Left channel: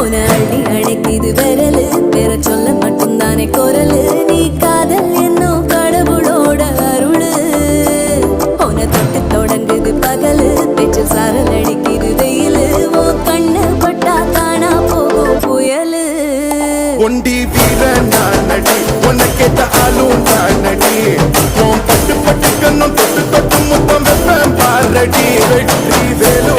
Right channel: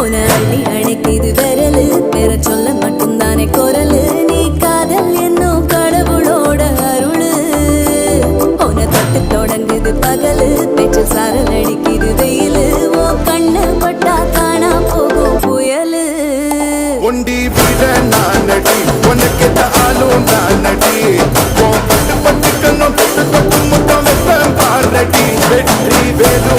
உன அள்ளி அணைக்குது விரலு பெற சொல்ல மட்டும்தானே குரலு நீ காதல் என்னும் கடவுளோட அருளு உன தொட்டு தொடங்குது பகலு பேச்சில் சாரல் அடிக்குது வெயிலு ஓ கண்ணு பட்டா காணா போகும் புயலு ஒண்டி வீரன் நானடி உனக்கேத்த ஆளும் நானடி பட்டு பட்டு கண்ணம் தொட்டு தொட்டு முத்தம் வெப்பம் பாரடி வெற்றி வேலோ